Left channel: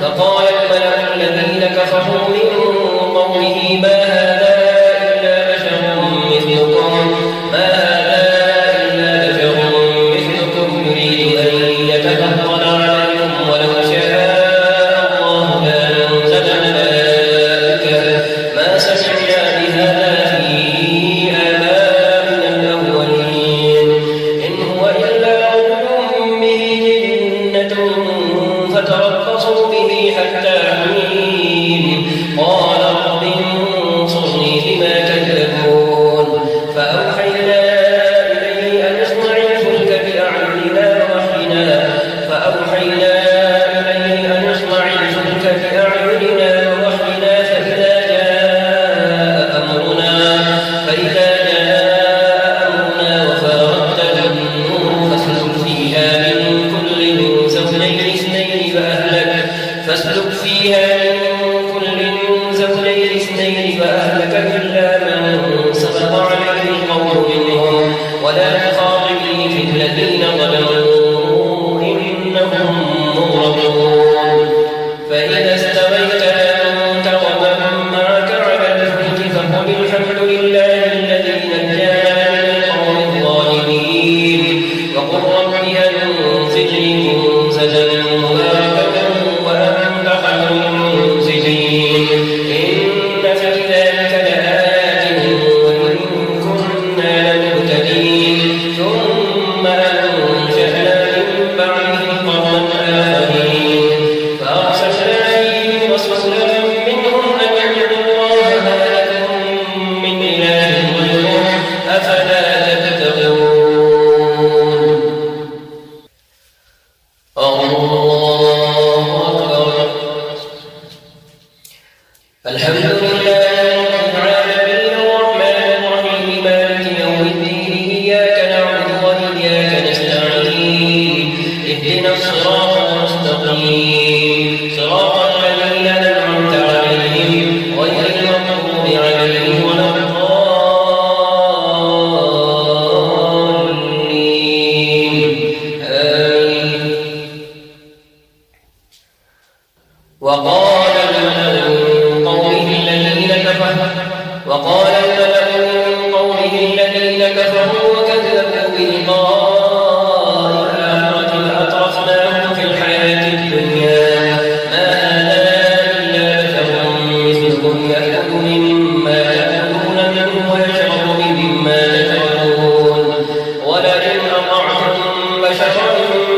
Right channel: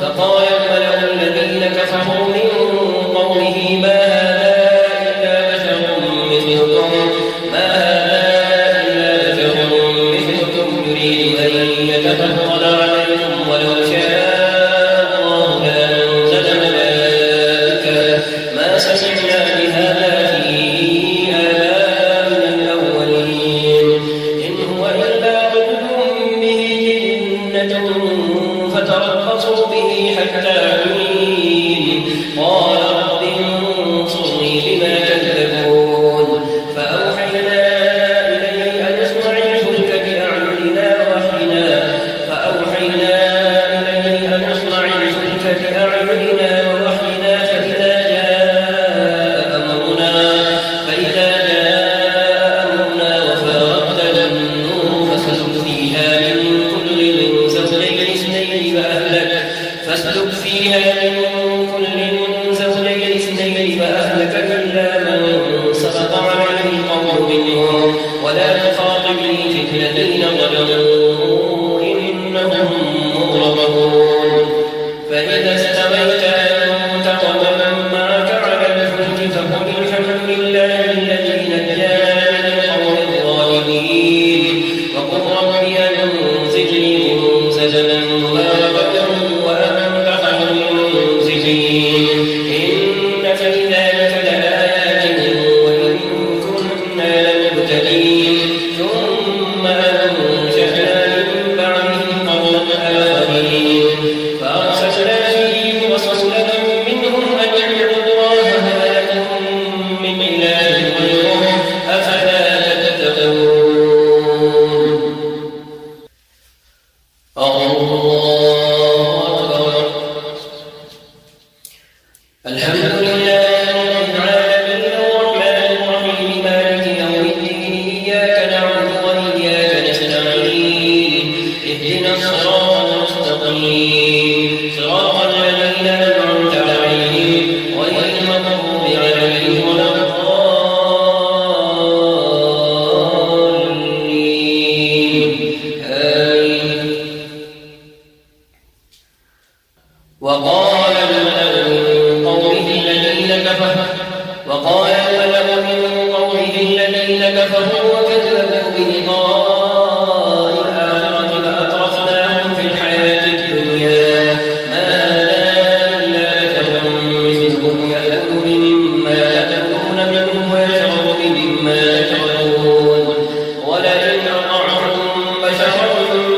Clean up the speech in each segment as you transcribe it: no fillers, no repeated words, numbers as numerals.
فقال الملأ الذين كفروا من قومه الحمد لله رب العالمين الرحمن الرحيم مالك يوم الدين إياك نعبد وإياك نستعين اهدنا الصراط المستقيم صراط الذين أنعمت عليهم غير المغضوب عليهم ولا الضالين آمين. وقال الملأ من قومه الذين كفروا وكذبوا بلقاء الآخرة فأترفناهم في الحياة الدنيا ما هذا إلا بشر مثلكم يأكل مما تأكلون منه ويشرب مما تشربون ولئن أطعتم بشرا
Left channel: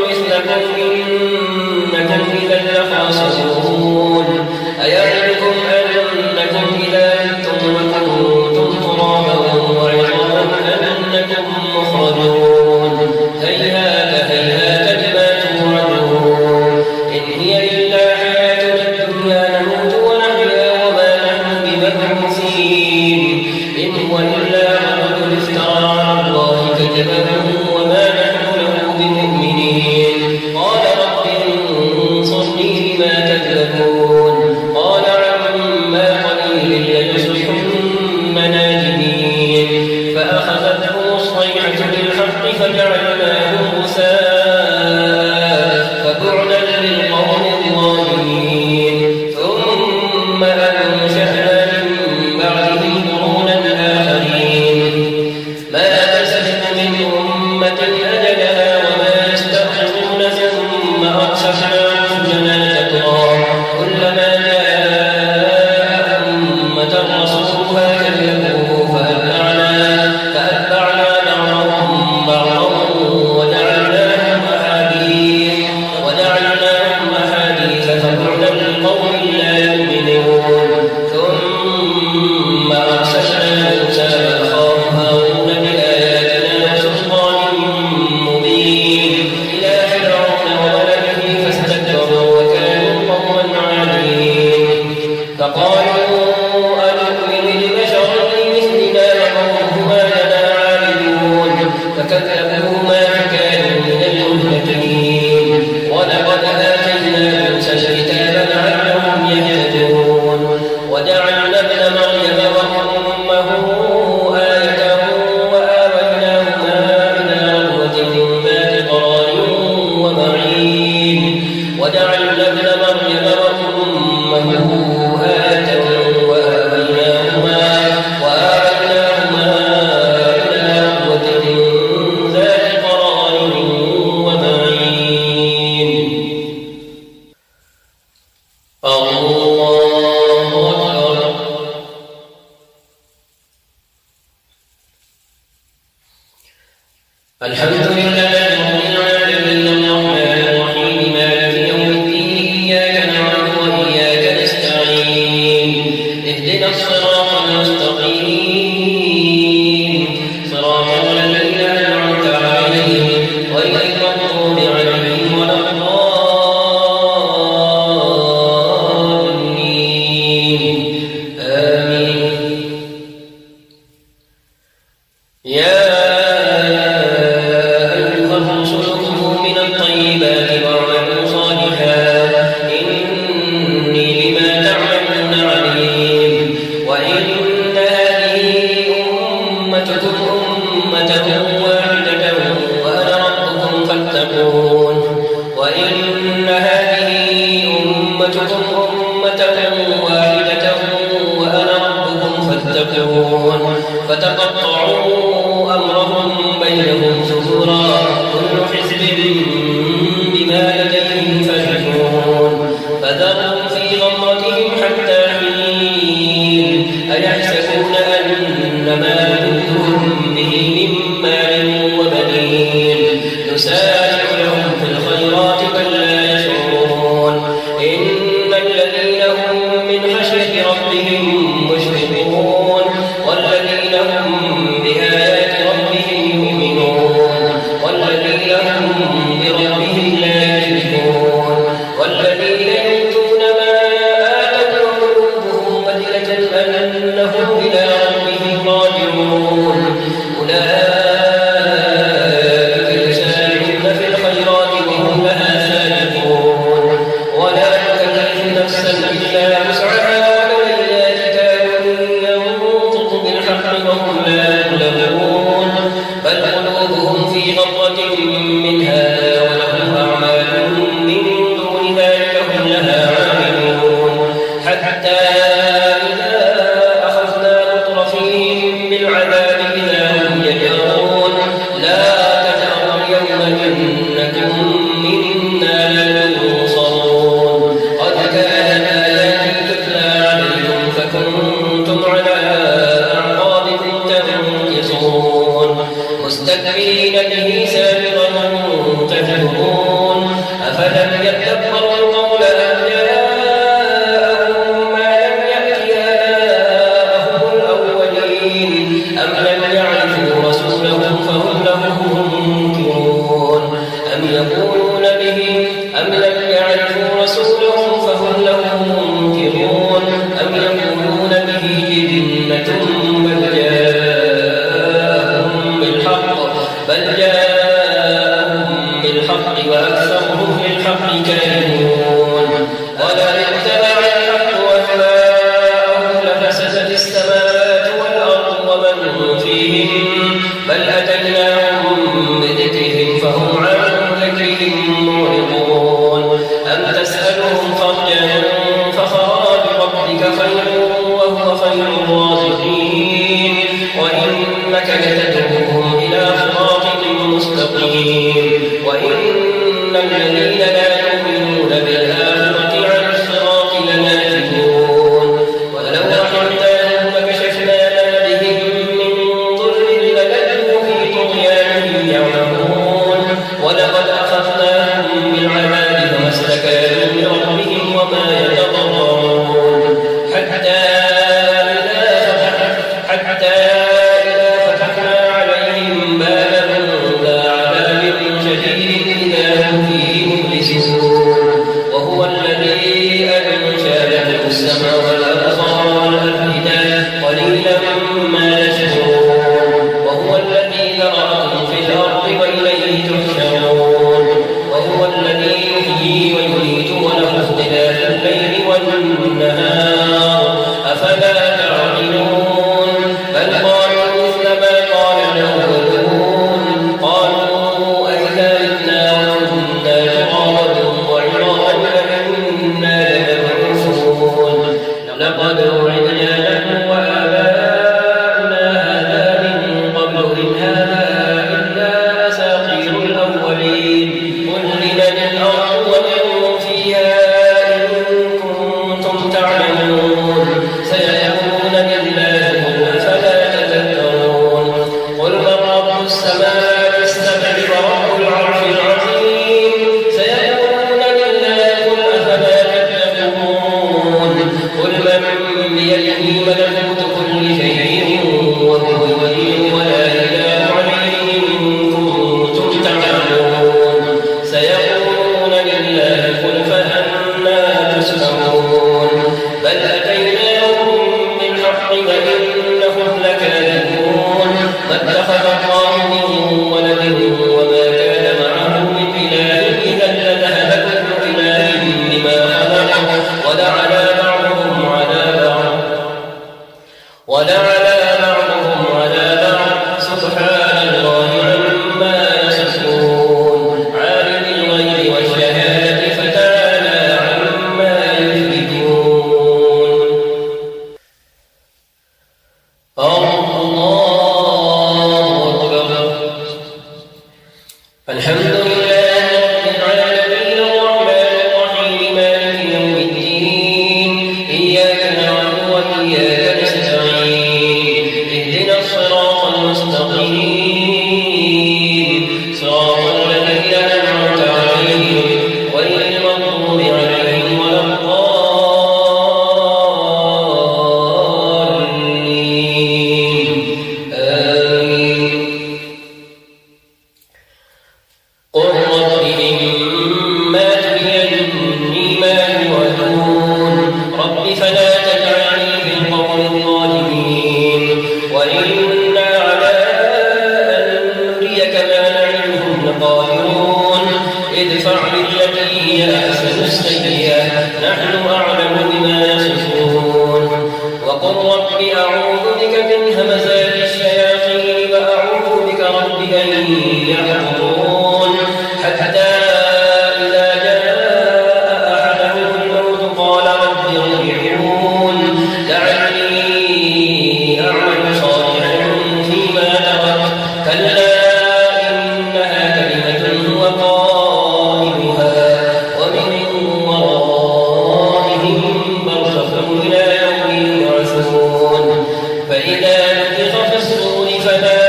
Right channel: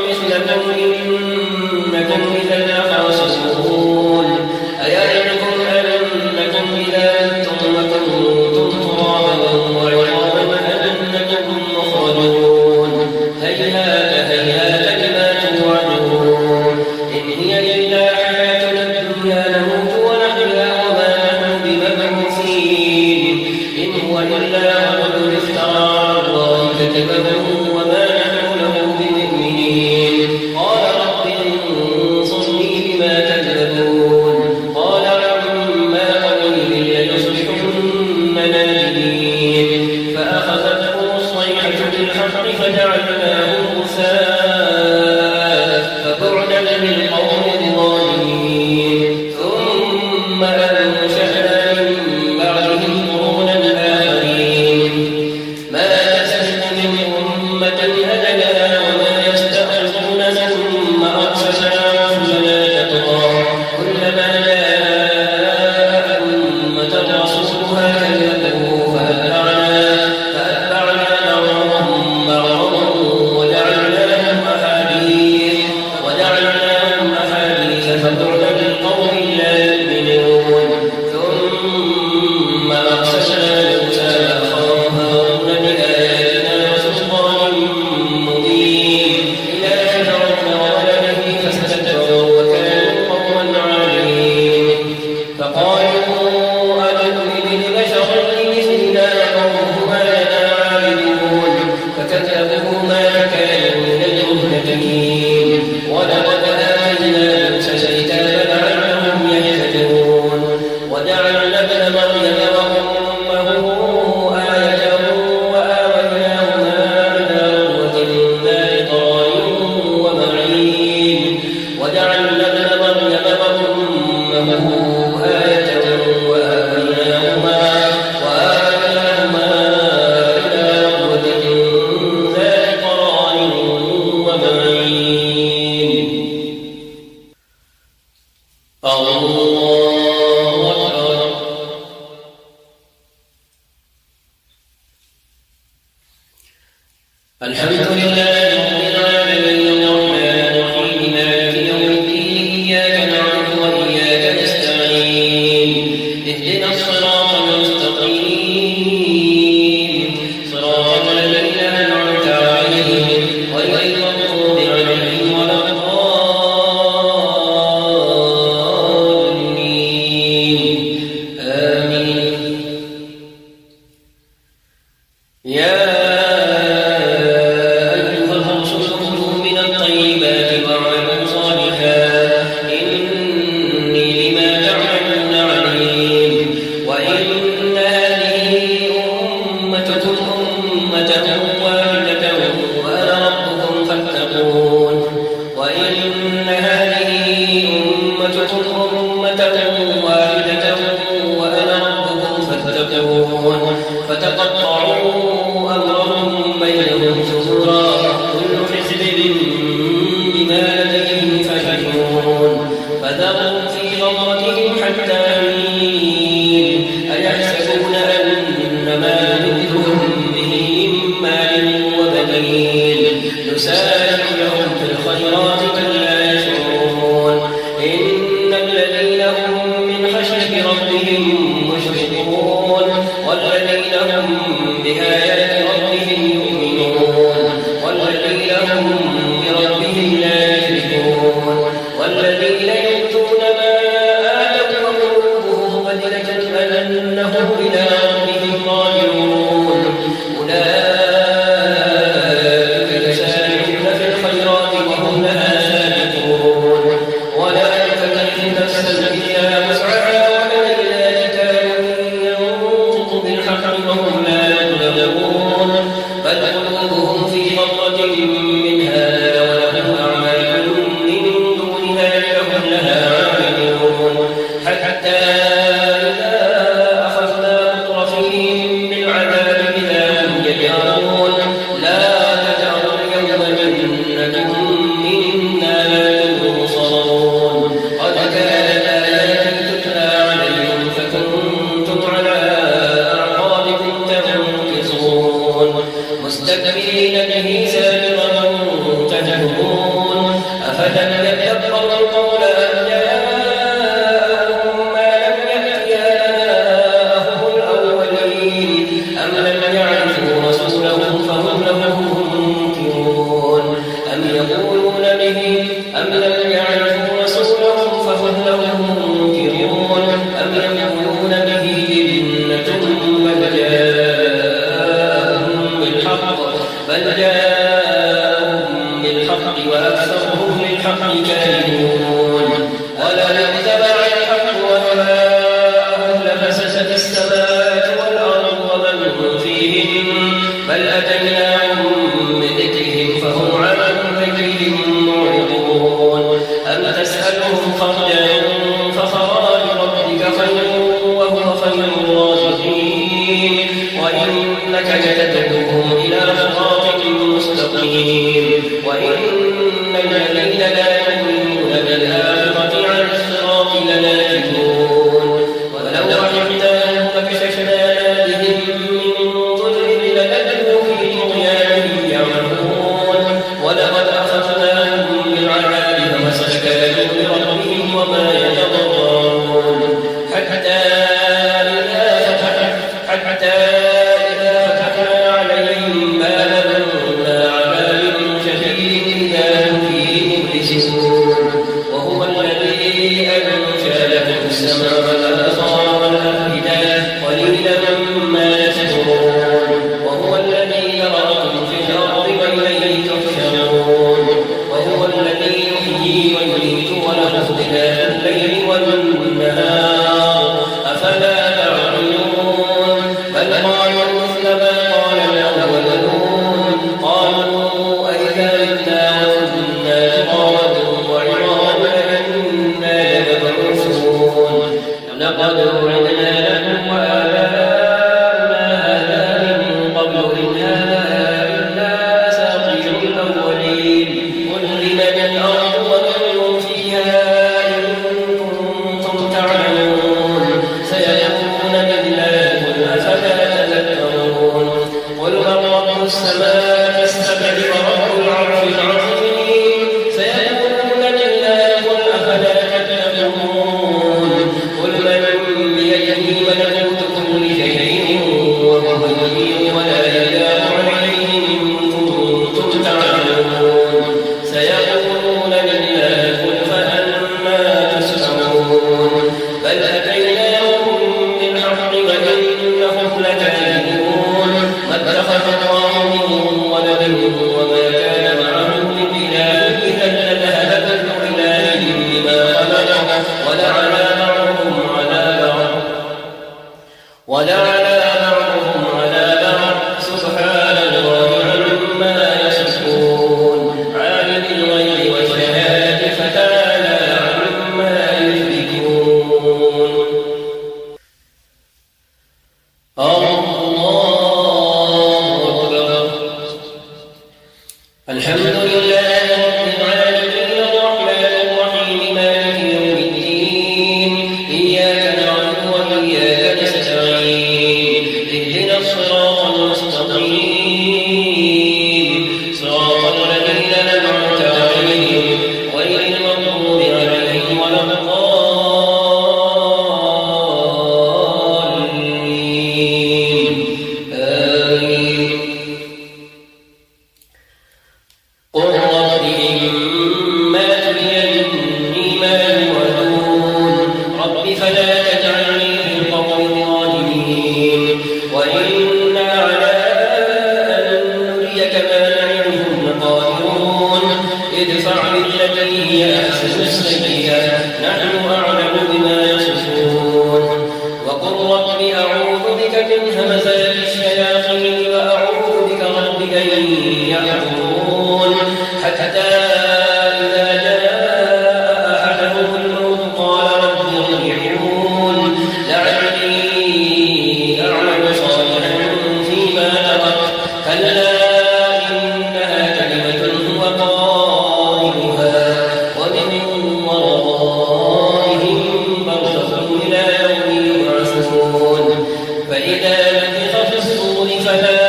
مثلكم إنكم إذا لخاسرون أيعدكم أنكم إذا متم وكنتم ترابا وعظاما أنكم مخرجون هيهات هيهات لما توعدون إن هي إلا حياتنا الدنيا نموت ونحيا وما نحن بمبعوثين إن هو إلا رجل افترى على الله كذبا وما نحن له بمؤمنين قال رب انصرني بما كذبون قال عما قليل ليصبحن نادمين فأخذتهم الصيحة بالحق فجعلناهم غثاء فبعدا للقوم الظالمين ثم أنشأنا من بعدهم قرونا آخرين ما تسبق من أمة أجلها وما يستأخرون ثم أرسلنا رسلنا تترى كلما جاء أمة رسولها كذبوه فأتبعنا بعضهم بعضا وجعلناهم أحاديث فبعدا للقوم لا يؤمنون ثم أرسلنا موسى أخاه هارون بآياتنا وسلطان مبين إلى فرعون وملئه فاستكبروا وكانوا قوما عالين فقالوا أنؤمن لبشرين مثلنا وقومهما لنا عابدون فكذبوهما فكانوا من المهلكين ولقد آتينا موسى الكتاب لعلهم يهتدون وجعلنا ابن مريم وأمه آية وآويناهما إلى ربوة ذات قرار ومعين وجعلنا ابن مريم وأمه آية وآويناهما إلى ربوة ذات قرار ومعين. الله أكبر. الحمد لله رب العالمين الرحمن الرحيم مالك يوم الدين إياك نعبد وإياك نستعين اهدنا الصراط المستقيم صراط الذين أنعمت عليهم غير المغضوب عليهم ولا الضالين آمين. يا أيها الرسل كلوا من الطيبات واعملوا صالحا إني بما تعملون عليم وإن هذه أمتكم أمة واحدة وأنا ربكم فاتقون وإن هذه أمتكم أمة واحدة وأنا ربكم فاتقون فتقطعوا أمرهم بينهم زبورا كل حزب بما لديهم فرحون فذرهم في غمرتهم حتى حين أيحسبون أنما نمدهم به من مال وبنين نسارع لهم في الخيرات كلا يشعرون إن الذين هم من خشية ربهم مشفقون والذين هم بآيات ربهم يؤمنون والذين هم بربهم لا يشركون والذين يؤتون ما آتوا خير الرازقين وإنك لتدعوهم إلى صراط مستقيم وإن الذين لا يؤمنون بالآخرة عن الصراط لناكبون ولو رحمناهم فكشفنا ما بهم من ضر للجوا في طغيانهم يعمهون ولقد أخذناهم بالعذاب فما استكانوا لربهم وما يتضرعون حتى إذا فتحنا عليهم بابا ذا عذاب شديد إذا هم فيه مبلسون وهو الذي أنشأ لكم السمع والأبصار والأفئدة قليلا ما تشكرون وهو الذي ذرأكم في الأرض وإليه تحشرون وهو الذي يحيي ويميت وله اختلاف الليل والنهار أفلا تعقلون بل قالوا مثل ما قال الأولون قالوا أئذا متنا وكنا ترابا وعظاما أئنا لمبعوثون لقد وعدنا لكم وآباؤنا هذا من قبل إن هذا إلا أساطير الأولين قل لمن الأرض ومن فيها إن كنتم تعلمون سيقولون لله قل أفلا تذكرون قل من رب السماء السبع ورب العرش العظيم سيقولون لله قل أفلا تتقون قل من بيده ملكوت كل شيء وهو يجير ولا إله عليه إن كنتم تعلمون سيقولون لله قل فأنا تسمعون بل أتيناهم بالحق وإنهم لكاذبون ما اتخذ الله من ولد وما كان معه من إله إذا لذهب كل إله بما خلق ولعلى بعضهم على بعض سبحان الله عما يصفون عالم الغيب والشهادة فتعالى عما يشركون الله أكبر الحمد لله رب العالمين الرحمن الرحيم مالك يوم الدين إياك نعبد وإياك نستعين اهدنا الصراط المستقيم صراط الذين أنعمت عليهم غير المغضوب عليهم ولا الضالين آمين قل رب إما تريني ما يوعدون رب فلا تجعلني في القوم الظالمين وإنا على أن نريك ما نعدهم لقادرون ادفع بالتي هي أحسن السيئة نحن أعلم بما يصفون وقل رب أعوذ بك من همزات الشياطين وأعوذ بك رب أن يحضرون حتى إذا جاء أحدهم الموت قال رب ارجعون لعلي أعمل صالحا فيما تركت كلا إنها كلمة هو قائلها ومن ورائهم برزخ إلى يوم يبعثون فإذا نفخ في الصور فلا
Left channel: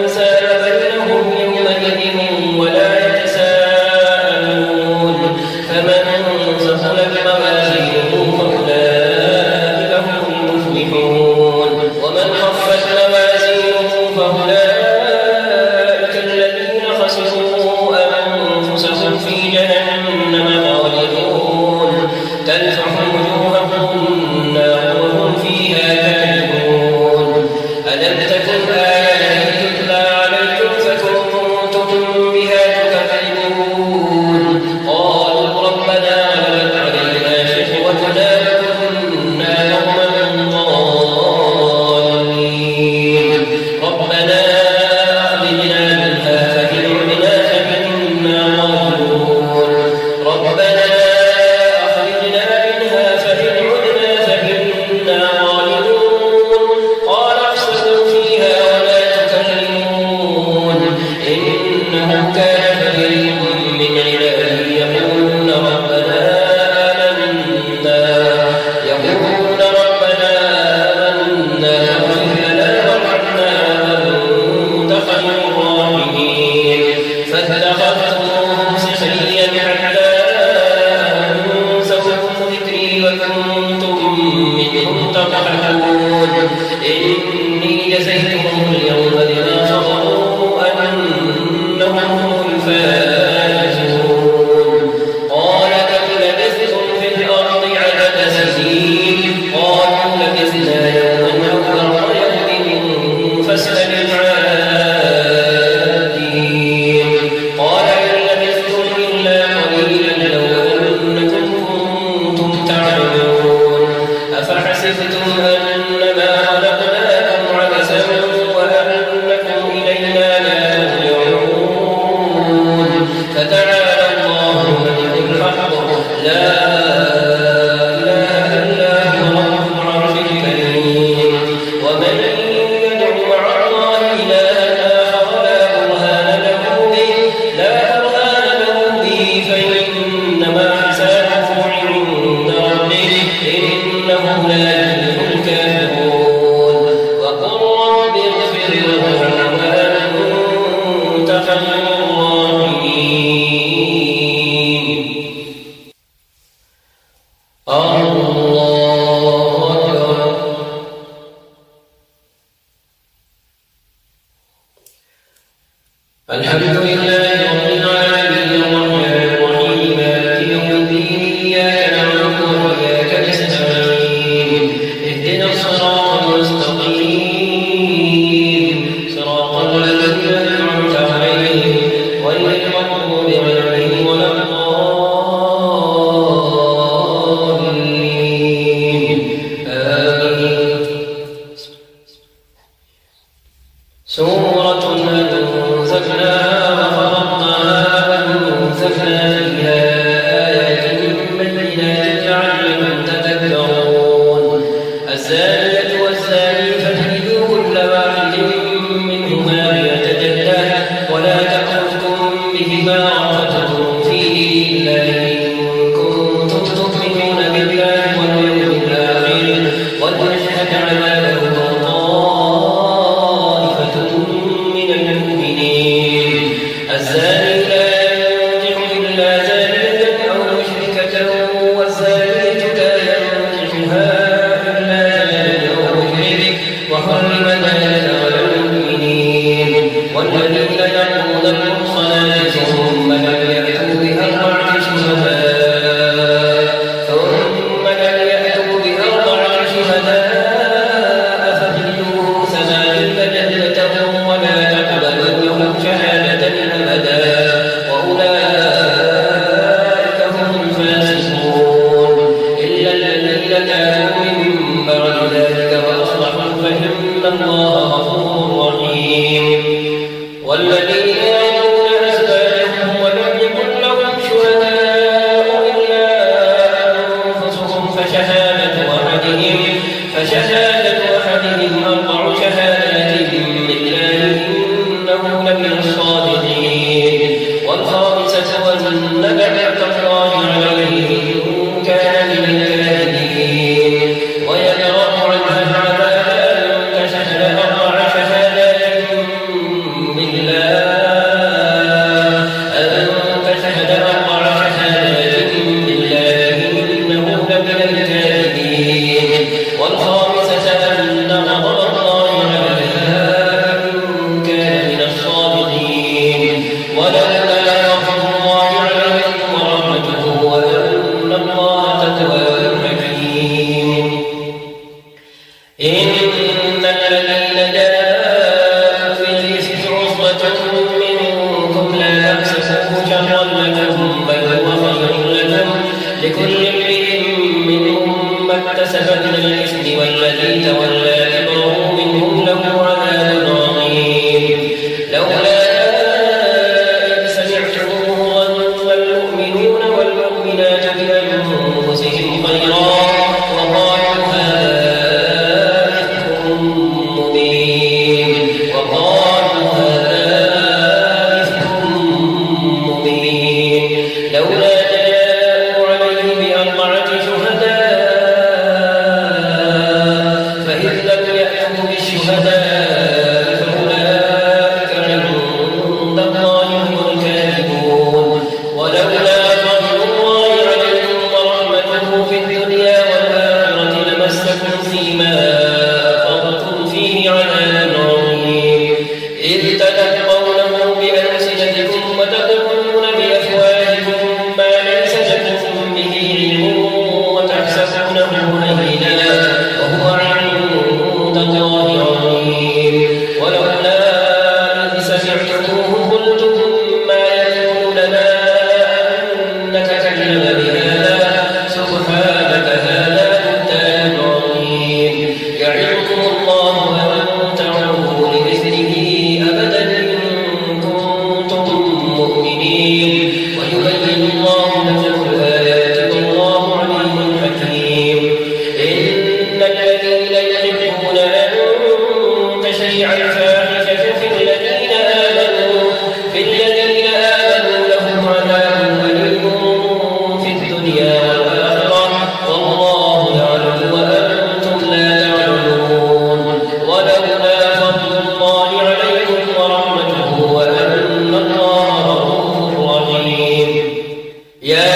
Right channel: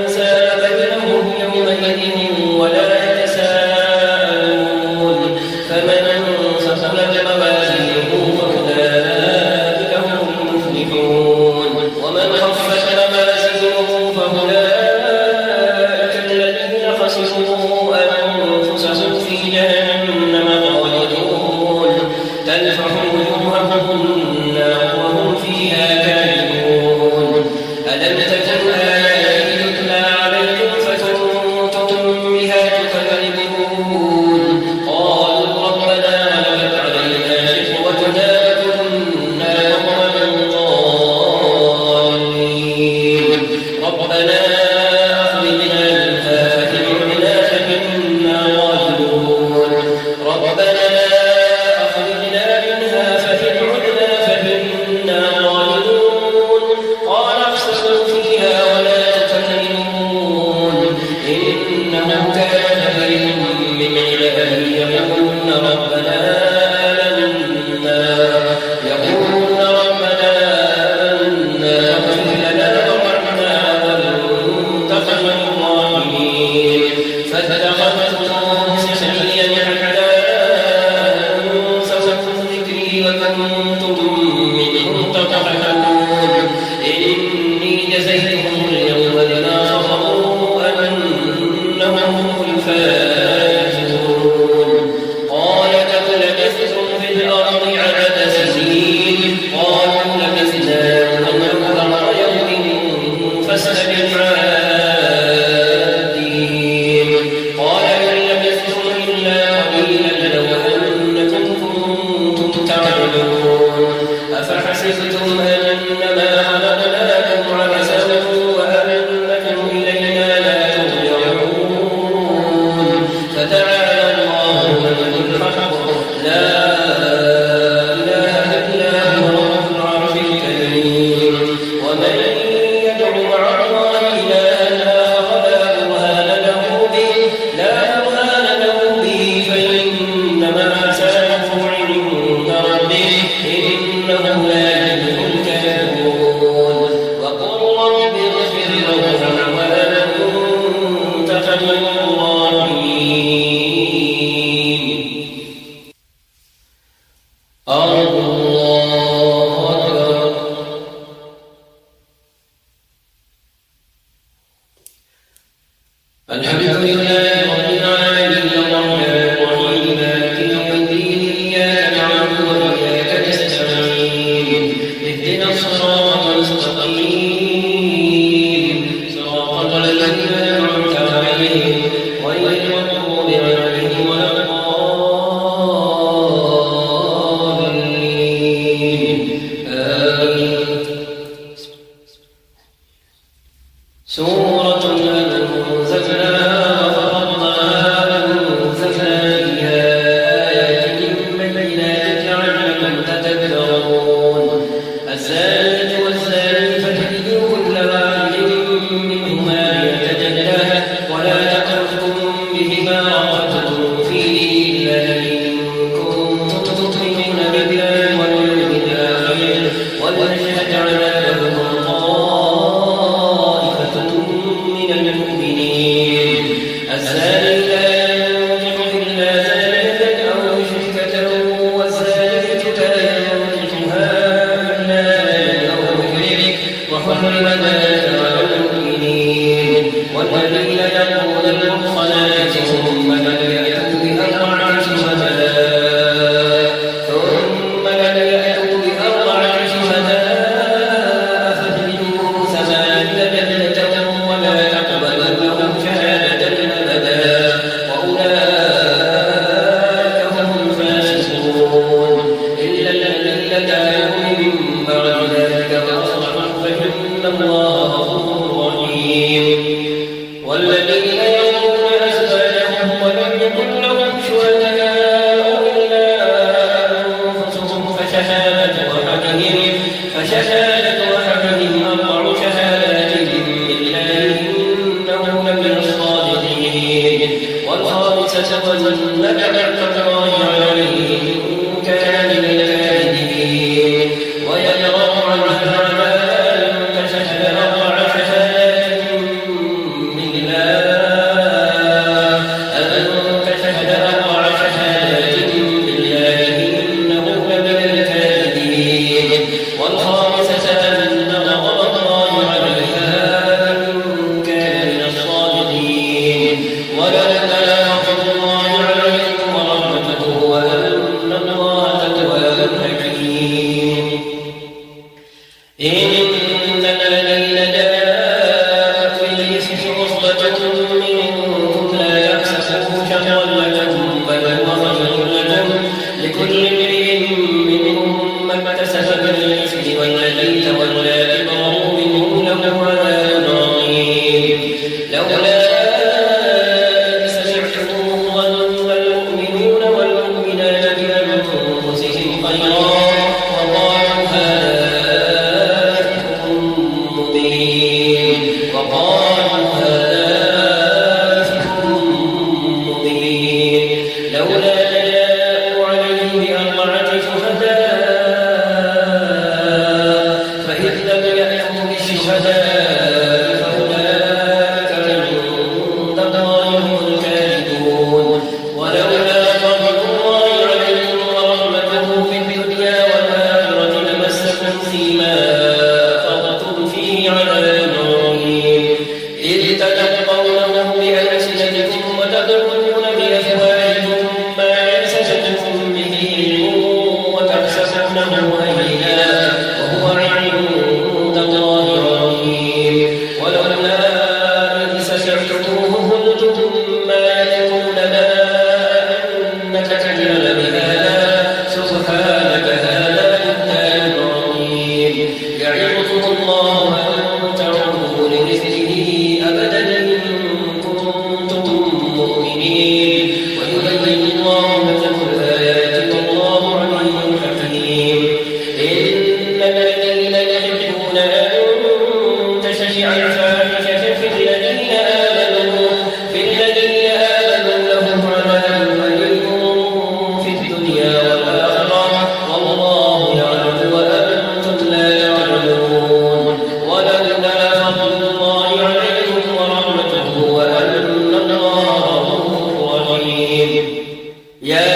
أنساب بينهم يومئذ ولا يتساءلون فمن ثقلت موازينه فأولئك هم المفلحون ومن خفت موازينه فأولئك الذين خسروا أنفسهم في جهنم خالدون تلفح وجوههم النار وهم فيها كالحون منهم تضحكون إني جزيتهم اليوم بما صبروا أنهم هم الفائزون قال كم لبثتم في الأرض عدد سنين قالوا لبثنا يوما أو بعض يوم فاسأل العادين قال إن لبثتم إلا قليلا لو أنكم كنتم تعلمون أفحسبتم أنما خلقناكم عبثا وأنكم إلينا لا ترجعون فتعالى الله الملك الحق لا إله إلا هو رب العرش الكريم ومن يدع مع الله إلها آخر لا برهان له به فإنما حسابه عند ربه إنه لا يفلح الكافرون وقل رب اغفر لهم وأنت خير الراحمين الله أكبر الحمد لله رب العالمين الرحمن الرحيم مالك يوم الدين إياك نعبد وإياك نستعين اهدنا الصراط المستقيم صراط الذين أنعمت عليهم غير المغضوب عليهم ولا الضالين آمين سورة أنزلناها وفرضناها وأنزلنا فيها آيات بينات لعلكم تتذكرون الزانية والزاني فاجلدوا كل واحد منهما مئة جلدة ولا تأخذكم بهما رأفة في دين الله إن كنتم تؤمنون بالله واليوم الآخر وليشهد عذابهم طائفة من المؤمنين الزاني لا ينكح إلا زانية أو مشركة والزانية لا ينكحها إلا زان أو مشرك وحرم ذلك على المؤمنين والذين يرمون المحصنات ثم لم يأتوا بأربعة شهداء فاجلدوهم 80 جلدة ولا تقبلوا لهم شهادة أبدا وأولئك هم الفاسقون إلا الذين تابوا من بعد ذلك وأصلحوا فإن الله غفور رحيم والذين يرمون أزواجهم ولم يكن لهم شهداء إلا أنفسهم فشهادة أحدهم 4 شهادات بالله إنه لمن الصادقين والخامسة أن لعنة الله عليه إن كان من الكاذبين ويدرأ عنها عذابا فشهد 4 شهادات بالله إنه لمن الكاذبين والخامسة أن غضب الله عليها إن كان من الصادقين ولولا فضل الله عليكم ورحمته وأن الله تواب حكيم إن الذين جاءوا بالإفك عصبة منكم لا تحسبوه شرا لكم بل هو خير لكم لكل امرئ منهم ما اكتسب من الإثم والذي تولى كبره منهم له عذاب عظيم لولا إذ سمعتموه ظن المؤمنون والمؤمنات بأنفسهم خيرا وقالوا هذا مسكم فيما أفضتم فيه عذاب عظيم إذ تلقونه بألسنتكم وتدعون بأفواهكم ما ليس لكم به علم وتحسبونه هينا وهو عند الله عظيم ولولا إذ سمعتموه قلتم ما يكون لنا أن نتكلم بهذا سبحانك هذا بهتان عظيم يعظكم الله أن تعودوا لمثله أبدا إن كنتم مؤمنين ويبين الله لكم الآيات والله عليم حكيم إن الذين يحبون أن تشيع الفاحشة في الذين آمنوا لهم عذاب أليم في الدنيا والآخرة والله يعلم وأنتم لا تعلمون ولولا فضل الله عليكم ورحمته وأن الله غفور رحيم يا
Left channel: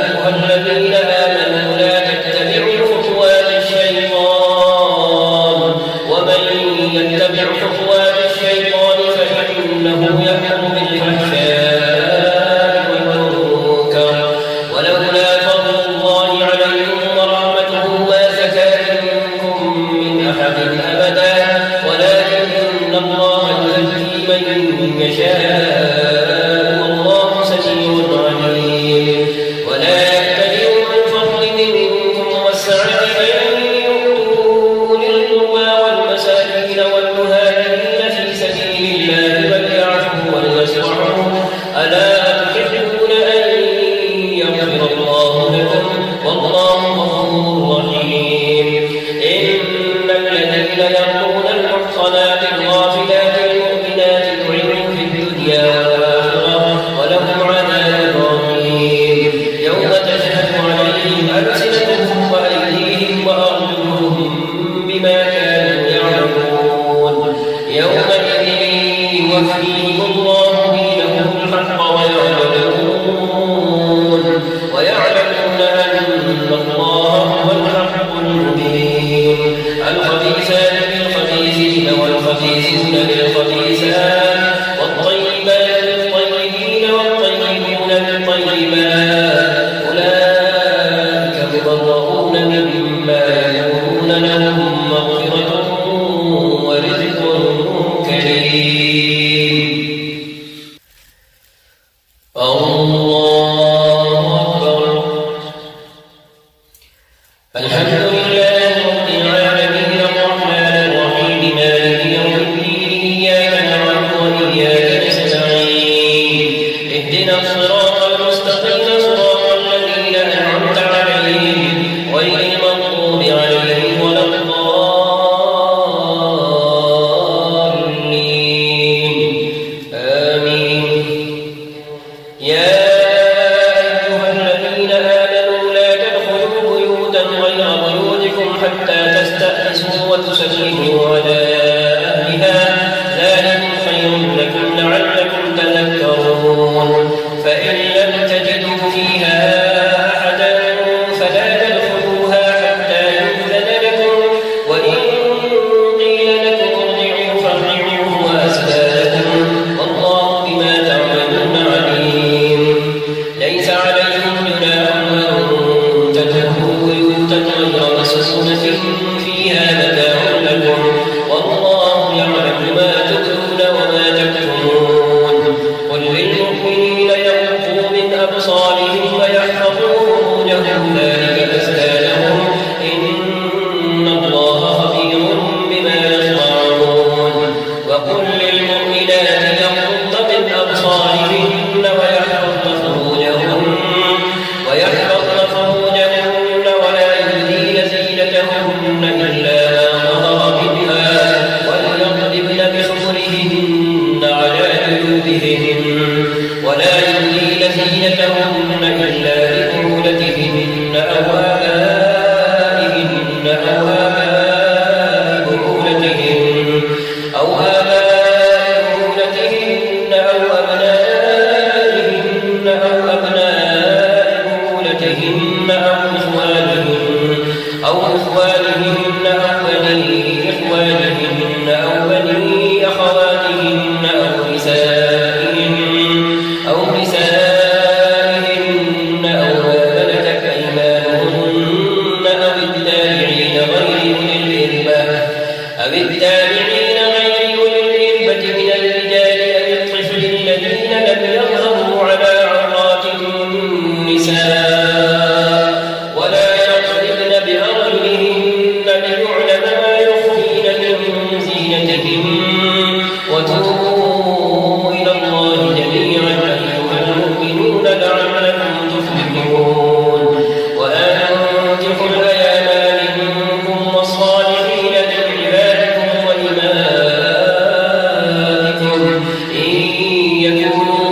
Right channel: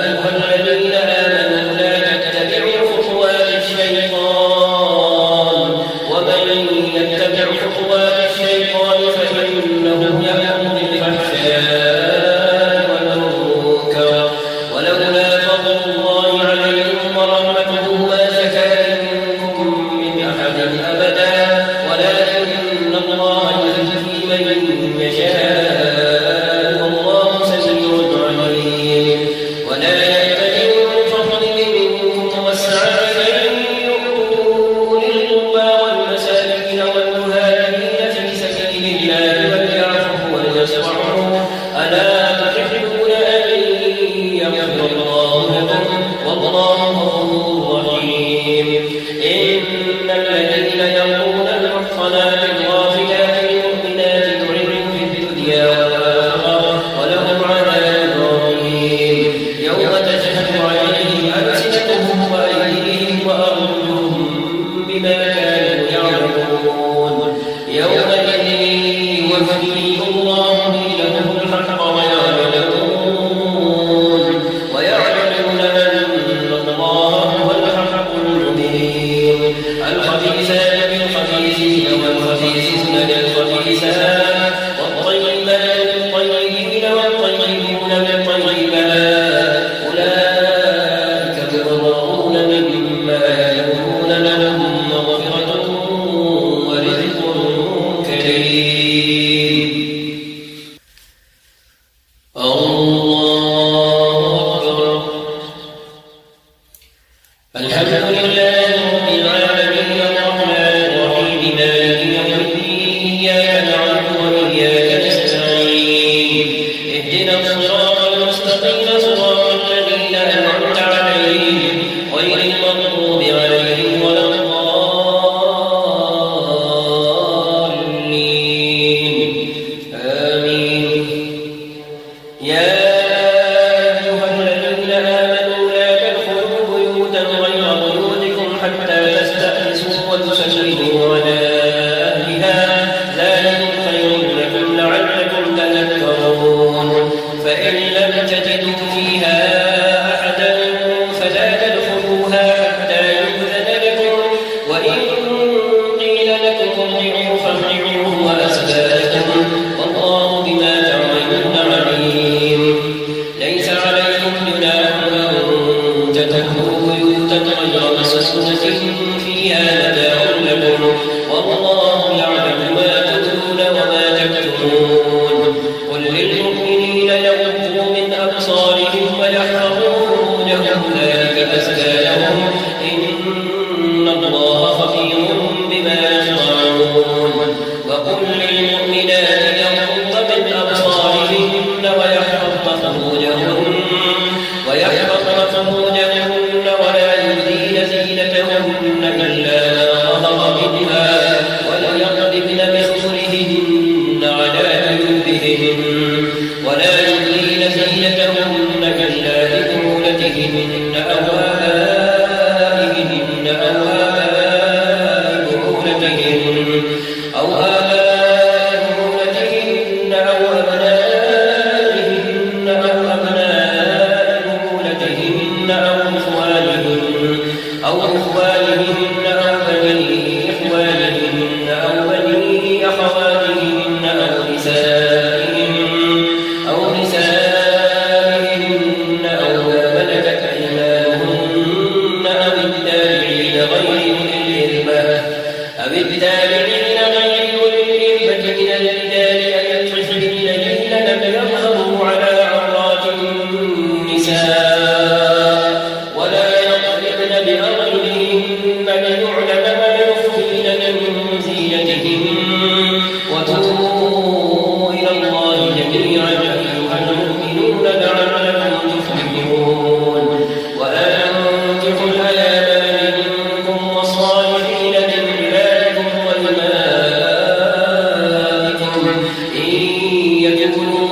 أيها الذين آمنوا لا تتبعوا خطوات الشيطان ومن يتبع خطوات الشيطان فإنه يأمر بالفحشاء والمنكر ولولا فضل الله عليكم ورحمته ما زكى منكم من أحد أبدا ولكن الله يزكي من يشاء والله سميع عليم ولا يأتل الفضل منكم والسعة أن يؤتوا أولي القربى والمساكين والمهاجرين في سبيل الله وليعفوا وليصفحوا ألا تحبون أن يغفر الله لكم والله غفور رحيم إن الذين يرمون المحصنات الغافلات المؤمنات لعنوا في الدنيا والآخرة ولهم عذاب عظيم يوم تشهد عليهم ألسنتهم وأيديهم وأرجلهم بما كانوا يعملون يومئذ يوفيهم الله دينهم الحق ويعلمون أن الله هو الحق المبين الخبيثات للخبيثين والخبيثون للخبيثات والطيبات للطيبين والطيبون للطيبات أولئك مبرؤون مما يقولون لهم مغفرة ورزق كريم الله أكبر الحمد لله رب العالمين الرحمن الرحيم مالك يوم الدين إياك نعبد وإياك نستعين اهدنا الصراط المستقيم صراط الذين أنعمت عليهم غير المغضوب عليهم ولا الضالين آمين يا أيها الذين آمنوا لا تدخلوا بيوتا غير بيوتكم أو التابعين غير أولي الإربة من الرجال أو الطفل الذين لم يظهروا على عورات النساء ولا يضربن بأرجلهن ليعلم ما يخفين من زينتهن وتوبوا إلى الله جميعا أيها المؤمنون لعلكم تفلحون وأنكحوا الأيام منكم والصالحين من عبادكم وإمائكم إن يكونوا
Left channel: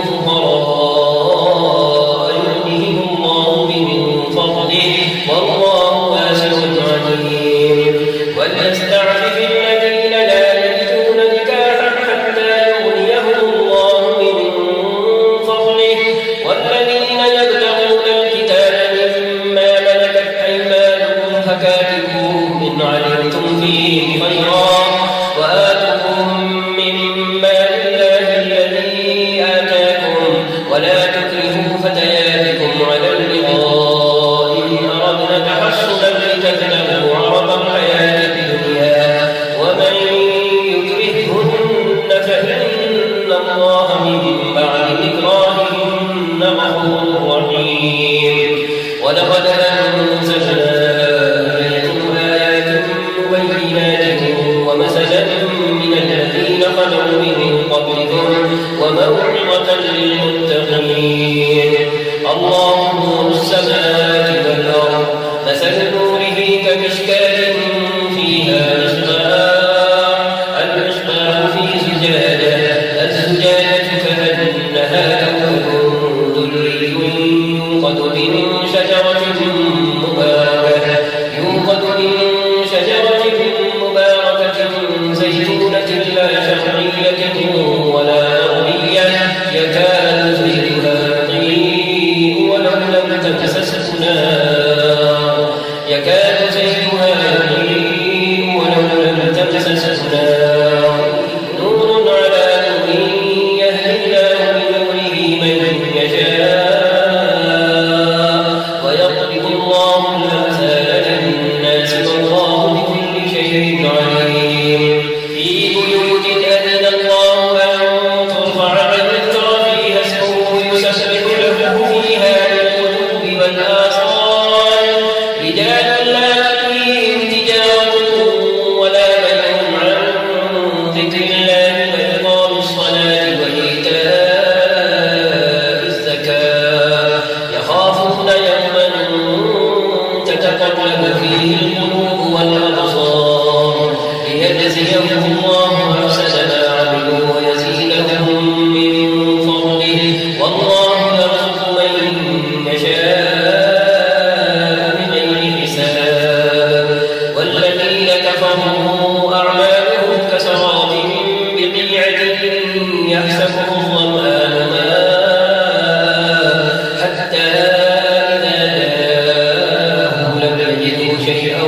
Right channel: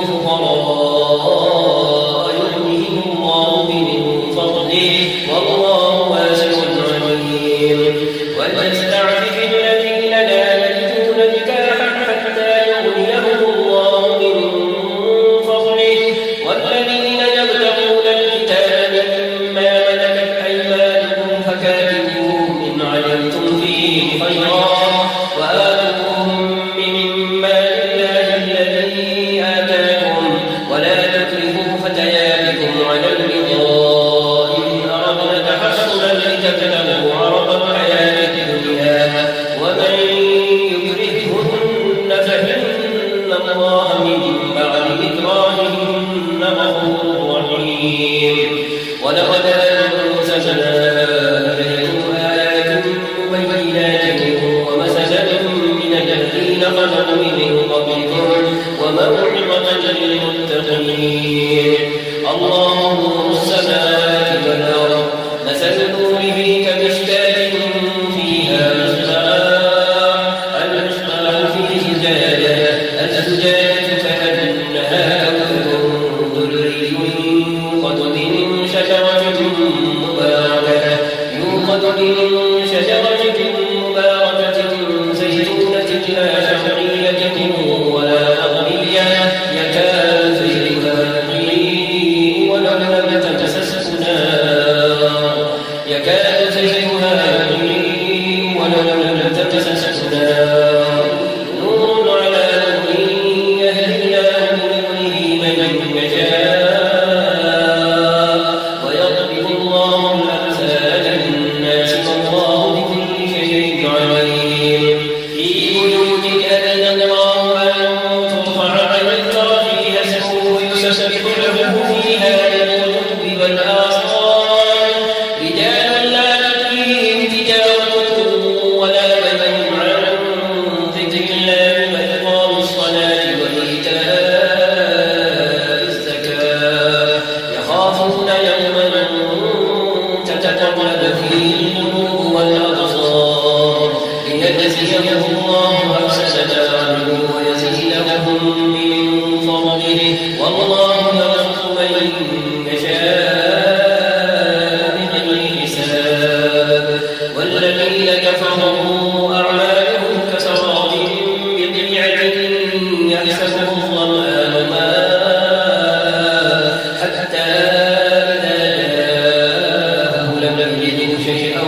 فقراء يغنيهم الله من فضله والله واسع عليم وليستعفف الذين لا يجدون نكاحا حتى يغنيهم الله من فضله والذين يبتغون الكتاب مما ملكت أيمانكم فكاتبوهم إن علمتم فيه خيرا وآتوهم مما لله الذي آتاكم ولا تكرهوا فتياتكم على البغاء إن أردنا تحصنا لتبتغوا عرض الحياة الدنيا ومن يكرههن فإن الله من بعد إكراههن غفور رحيم ولقد أنزلنا إليكم آيات مبينات ومثلا من الذين خلوا من قبلكم وموعظة للمتقين الله نور السماوات والأرض مثل نوره كمشكاة فيها المصباح في زجاجة الزجاجة كأنها كوكب دري يوقد من شجرة مباركة زيتونة لا شرقية ولا غربية يكاد زيتها يضيء ولو لم تمسسه نار نور على نور يهدي الله بنوره من يشاء ويضرب الله الأمثال للناس والله بكل شيء عليم في بيوت أذن الله أن ترفع ويذكر فيها اسمه يسبح له فيها بالغدو والآصال رجال لا تلهيهم تجارة ولا بيع عن ذكر الله وإقام الصلاة وإيتاء الزكاة يخافون يوما تتقلب فيه القلوب والأبصار ليجزيهم الله أحسن ما عملوا ويزيدهم من فضله والله يرزق من يشاء بغير حساب والذين كفروا أعمالهم كسراب بقيعة يحسبه الظمآن ماء حتى إذا جاءه لم يجده شيئا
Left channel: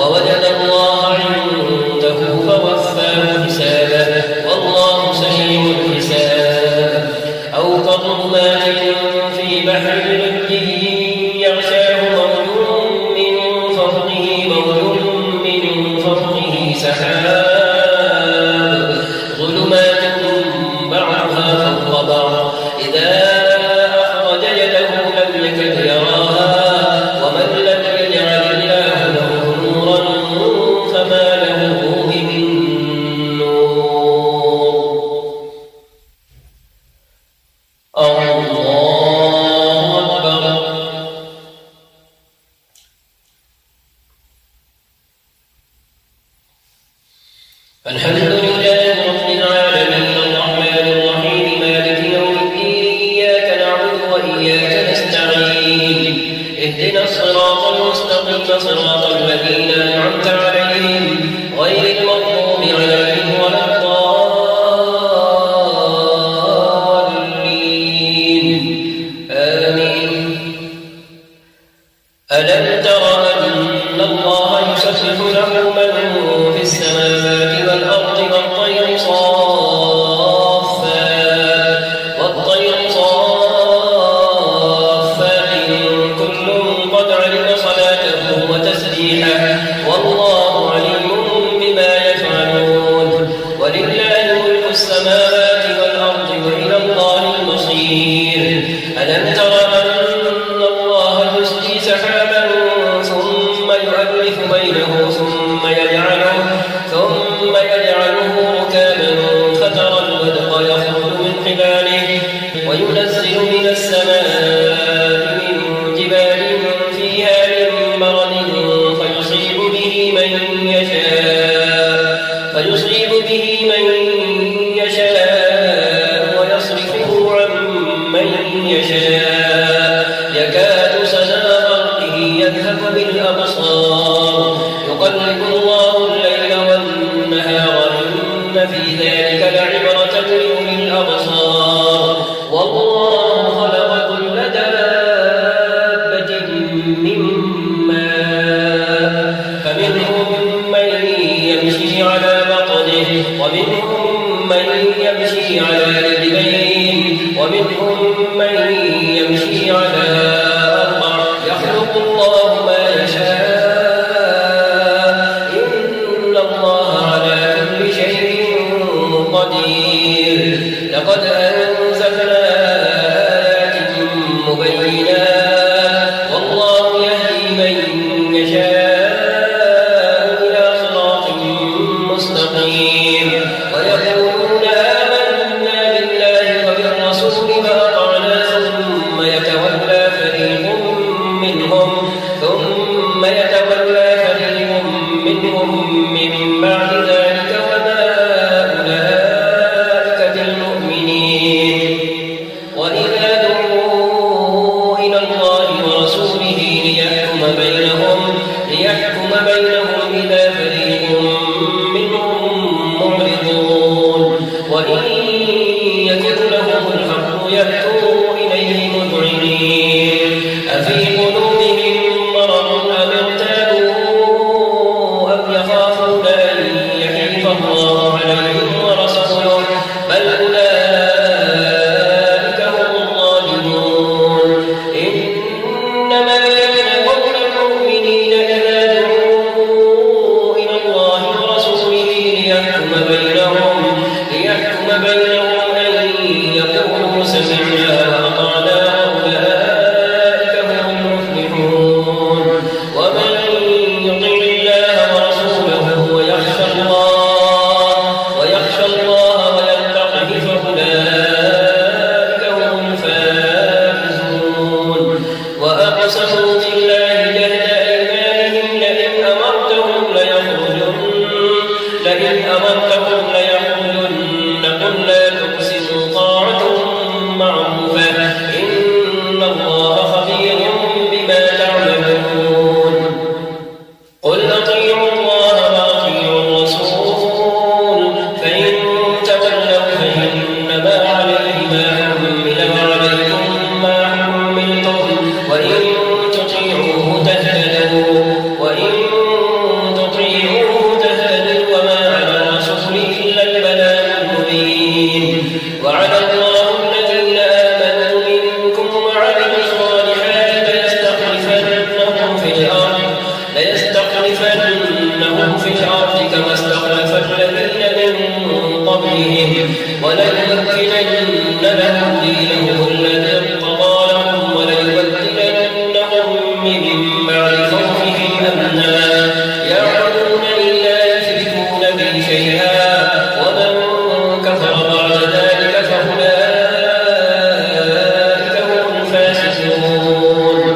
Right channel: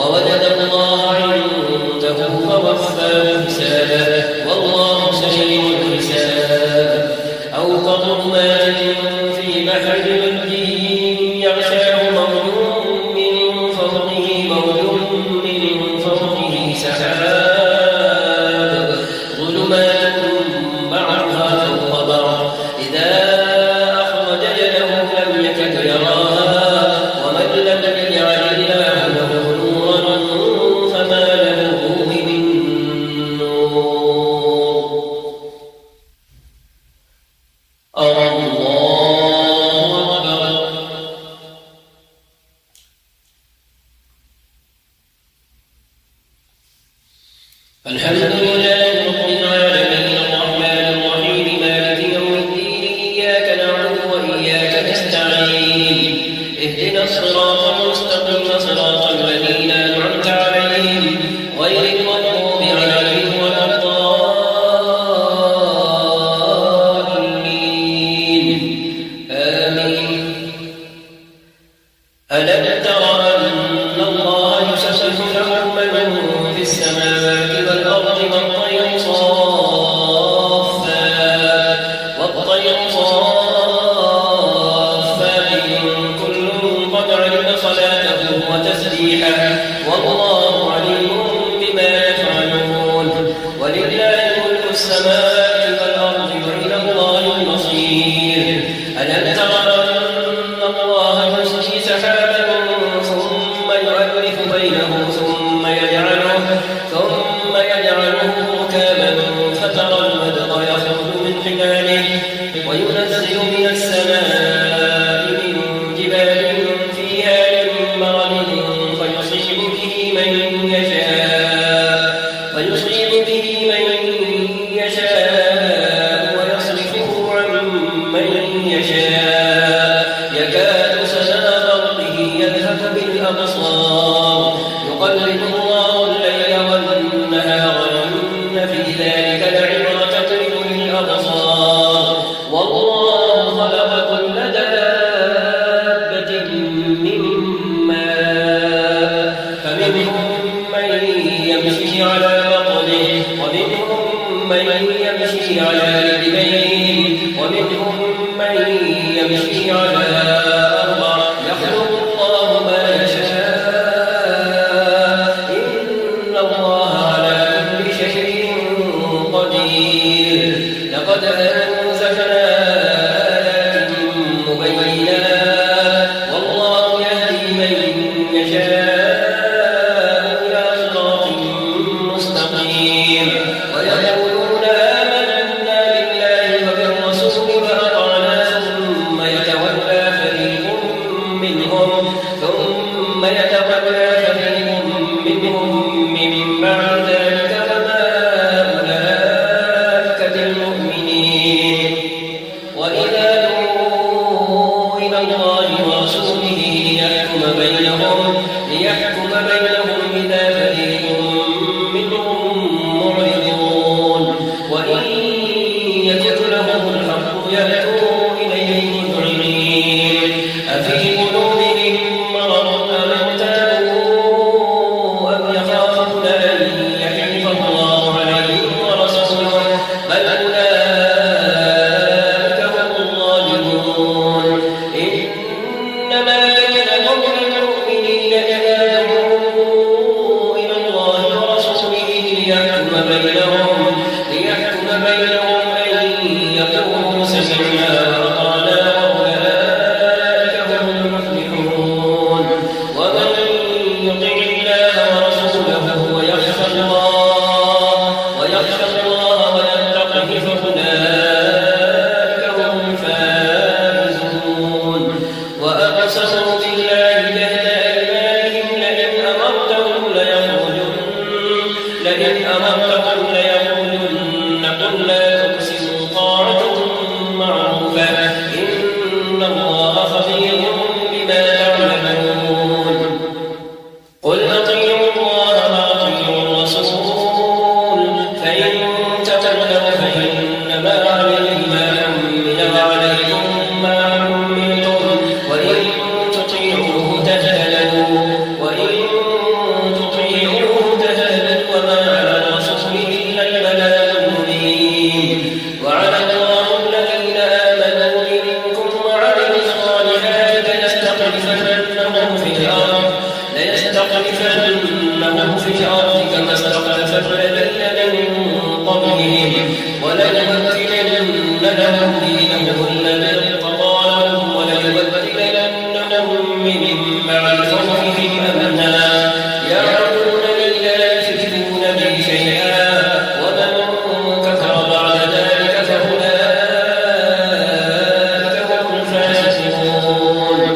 ووجد الله عنده فوفاه حسابه والله سريع الحساب أو كظلمات في بحر لجي يغشاه موج من فوقه سحاب ظلمات بعضها فوق بعض إذا أخرج يده لم يكد يراها ومن لم يجعل الله له نورا فما له من نور الله أكبر الحمد لله رب العالمين الرحمن الرحيم مالك يوم الدين إياك نعبد وإياك نستعين اهدنا الصراط المستقيم صراط الذين أنعمت عليهم غير المغضوب عليهم ولا الضالين آمين ألم تر أن الله يسبح له من في السماوات والأرض والطير صافات كل قد علم صلاته وتسبيحه والله يتولى فريق منهم من بعد ذلك فما أولئك بالمؤمنين وإذا دعوا إلى الله ورسوله ليحكم بينهم إذا فريق منهم معرضون وإن يكن لهم الحق يأتوا إليه مذعنين أفي قلوبهم مرض أم ارتابوا أم يخافون أن يحيف الله عليهم ورسوله بل أولئك هم الظالمون إنما كان قول المؤمنين إذا دعوا إلى الله ورسوله ليحكم بينهم أن يقولوا سمعنا وأطعنا أولئك هم المفلحون ومن يطع الله ورسوله ويخشى الله ويتقه فأولئك هم الفائزون وأقسموا بالله جهد أيمانهم لئن أمرتهم ليقولن قل لا تقسموا طاعة معروفة إن الله خبير بما تعملون قل أطيعوا الله وأطيعوا الرسول فإن تولوا فإنما عليه ما حمل وعليكم ما حملتم وإن تطيعوه تهتدوا وما على الرسول إلا البلاغ المبين وعلى الله الذين آمنوا منكم وعملوا الصالحات ليستخلفنهم في الأرض كما استخلف الذين من قبلهم وليمكنن لهم دينهم الذي ارتضى لهم وليبدلنهم من بعد خوفهم أمنا يعبدونني لا يشركون بي شيئا ومن كفر بعد ذلك فأولئك هم الفاسقون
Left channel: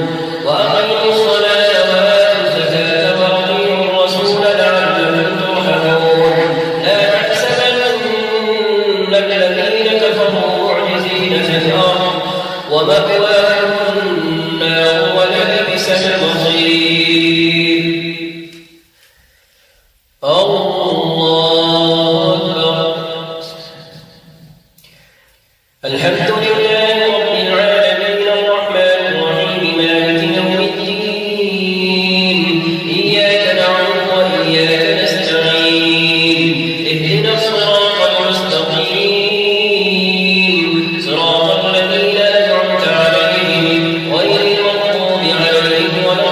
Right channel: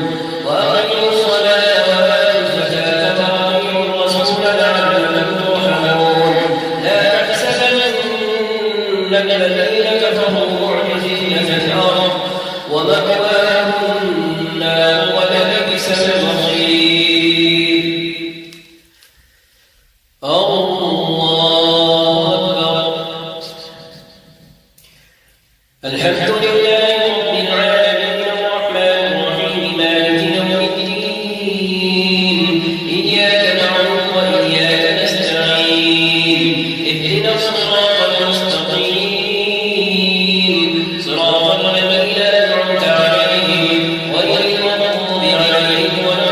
وأقيموا الصلاة وآتوا الزكاة وأطيعوا الرسول لعلكم ترحمون لا تحسبن الذين كفروا معجزين في الأرض ومأواهم النار ولبئس المصير الله أكبر الحمد لله رب العالمين الرحمن الرحيم مالك يوم الدين إياك نعبد وإياك نستعين اهدنا الصراط المستقيم صراط الذين أنعمت عليهم غير المغضوب عليهم ولا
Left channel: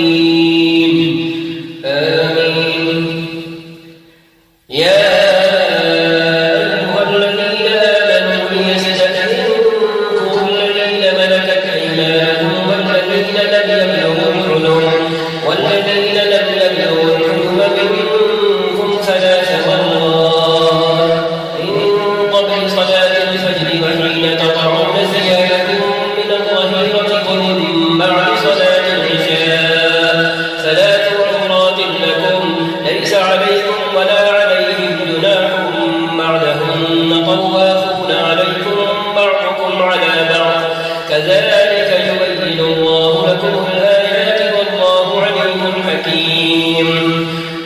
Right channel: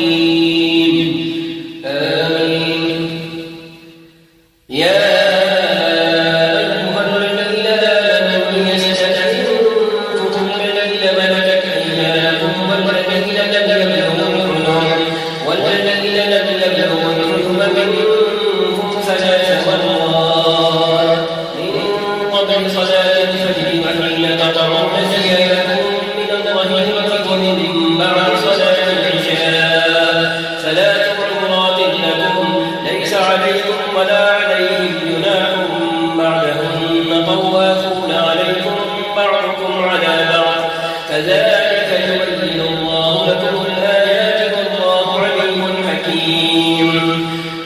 الضالين آمين يا أيها الذين آمنوا ليستأذنكم الذين ملكت أيمانكم والذين لم يبلغوا الحلم منكم ثلاث مرات من قبل صلاة الفجر وحين تقعون ثيابكم من الظهيرة ومن بعد صلاة العشاء ثلاث عورات لكم ليس عليكم ولا عليهم جناح بعدهن طوافون عليكم بعضكم على بعض كذلك يبين الله لكم الآيات والله عليم حكيم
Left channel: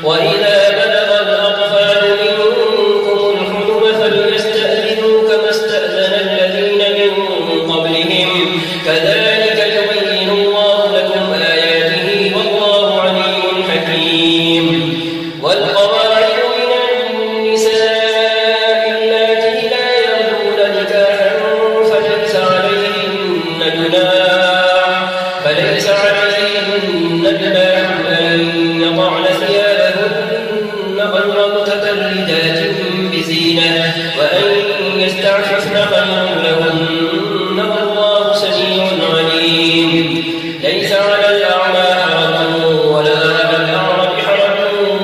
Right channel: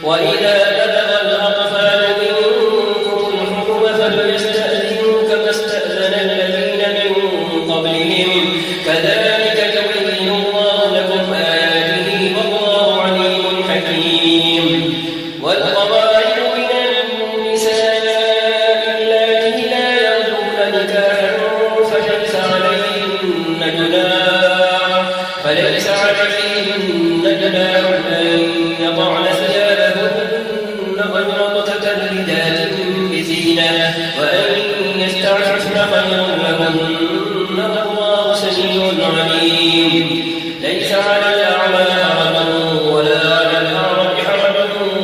وإذا بلغ الأطفال منكم الحلم فليستأذنوا كما استأذن الذين من قبلهم كذلك يبين الله لكم آياته والله عليم حكيم والقواعد من النساء اللاتي لا يرجون نكاحا فليس عليهن جناح أن يضعن ثيابهن غير متبرجات بزينة وأن يستعففن خير لهن والله سميع عليم ليس على الأعمى حرج ولا على الأعرج حرج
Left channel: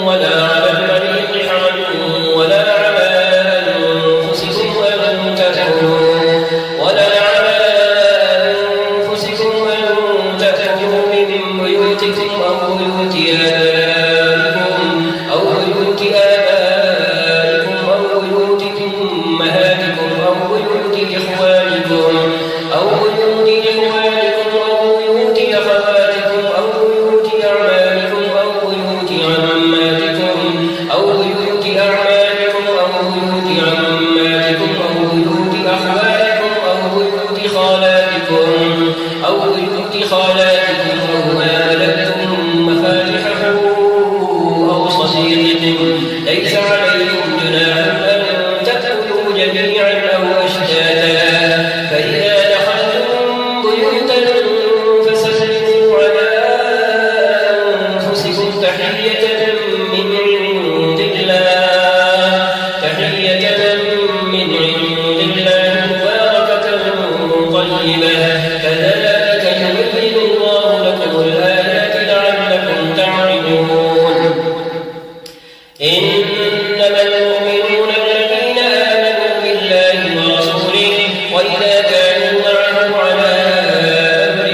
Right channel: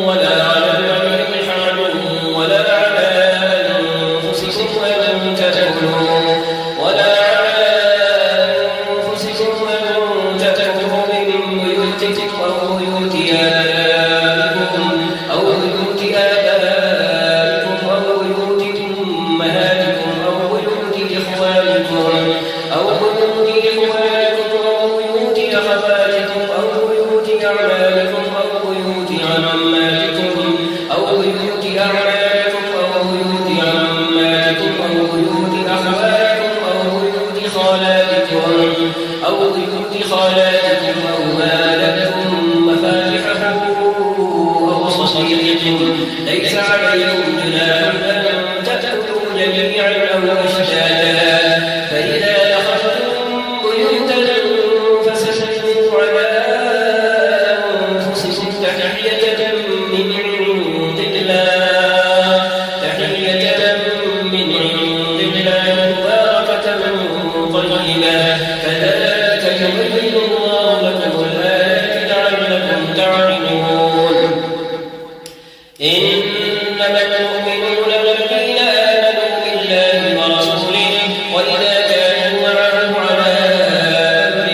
ولا على المريض حرج ولا على أنفسكم أن تدعوا في خالاتكم أو ما ملكتم مفاتحه أو صديقكم ليس عليكم جناح أن تأكلوا جميعا أو أشتاتا فإذا دخلتم بيوتا فسلموا على أنفسكم تحية من عند الله مباركة طيبة كذلك يبين الله لكم الآيات لعلكم تعقلون إنما المؤمنون الذين آمنوا بالله ورسوله وإذا كانوا معه على أمر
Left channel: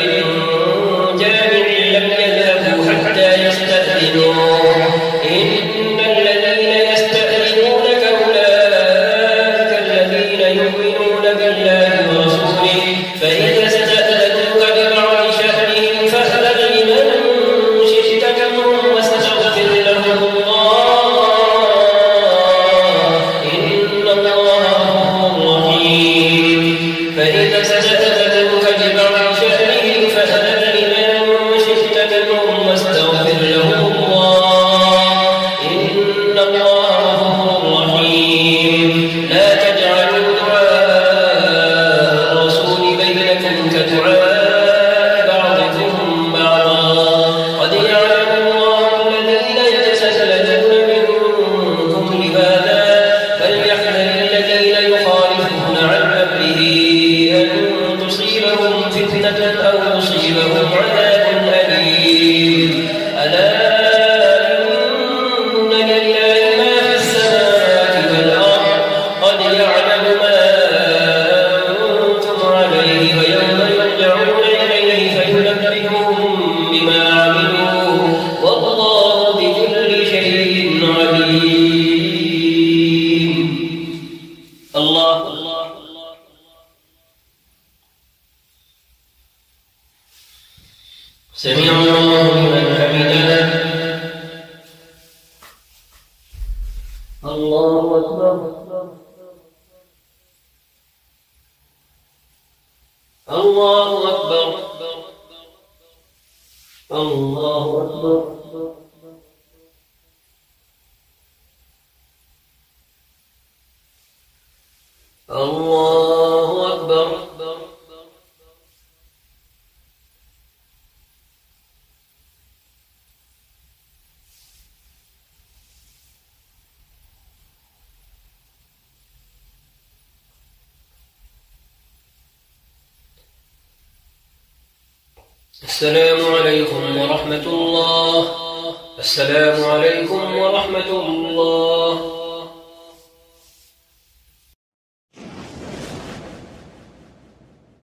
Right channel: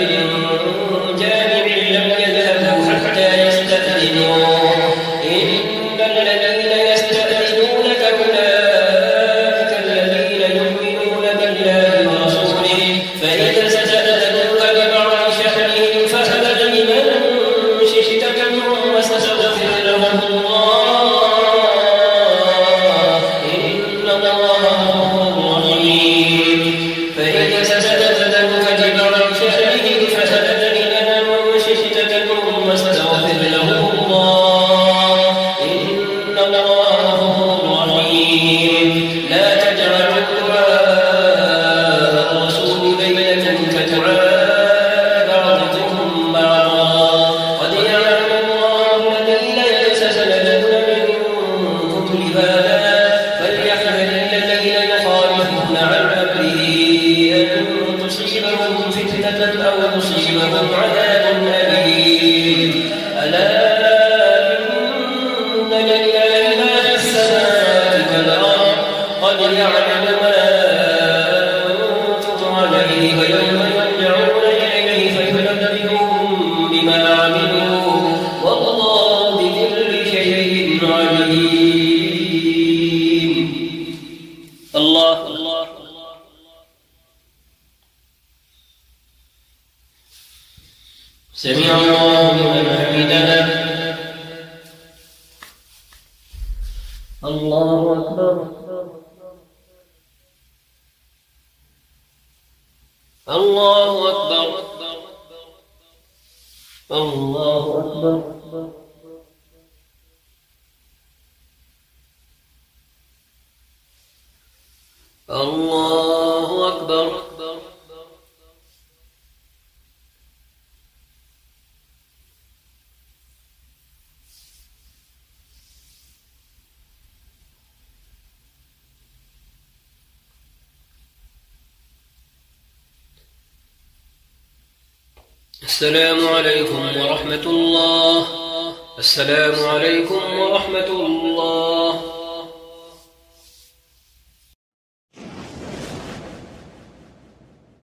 جامع لم يذهبوا حتى يستأذنوه إن الذين يستأذنونك أولئك الذين يؤمنون بالله ورسوله فإذا استأذنوك لبعض شأنهم فأذن لمن شئت منهم واستغفر لهم الله إن الله غفور رحيم فإذا استأذنوك لبعض شأنهم فأذن لمن شئت منهم واستغفر لهم الله إن الله غفور رحيم لا تجعلوا دعاء الرسول بينكم كدعاء بعضكم بعضا قد يعلم الله الذين يتسللون منكم لبادا فليحذر الذين يخالفون عن أمره أن تصيبهم فتنة أو يصيبهم عذاب أليم ألا إن لله ما في السماوات والأرض قد يعلم ما أنتم عليه ويوم يرجعون إليه فينبئهم بما عملوا والله بكل شيء عليم الله سمع الله لمن حمده الله أكبر الله أكبر الله أكبر الله أكبر السلام عليكم ورحمة الله. السلام عليكم ورحمة الله.